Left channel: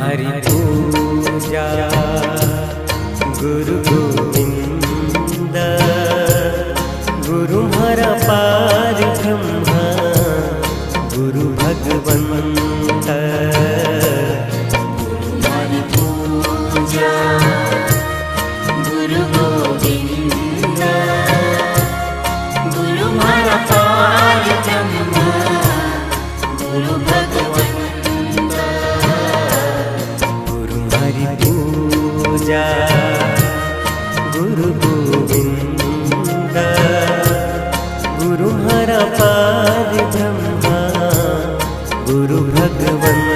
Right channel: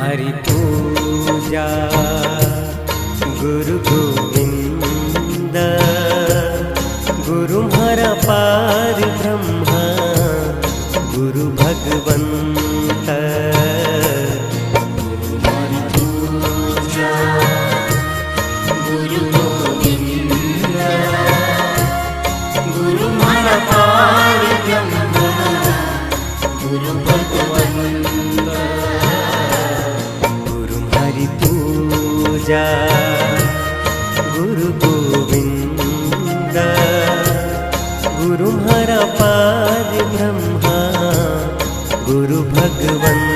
हरि पूजा गुरु गोविंद गुरु हरा पार ब्रह्मा गुरु भगवंत गुरु गोविंद गुरु हरा पार ब्रह्मा गुरु भगवंत गुरु हरि पूजा गुरु गोविंद गुरु हरा पार ब्रह्मा गुरु भगवंत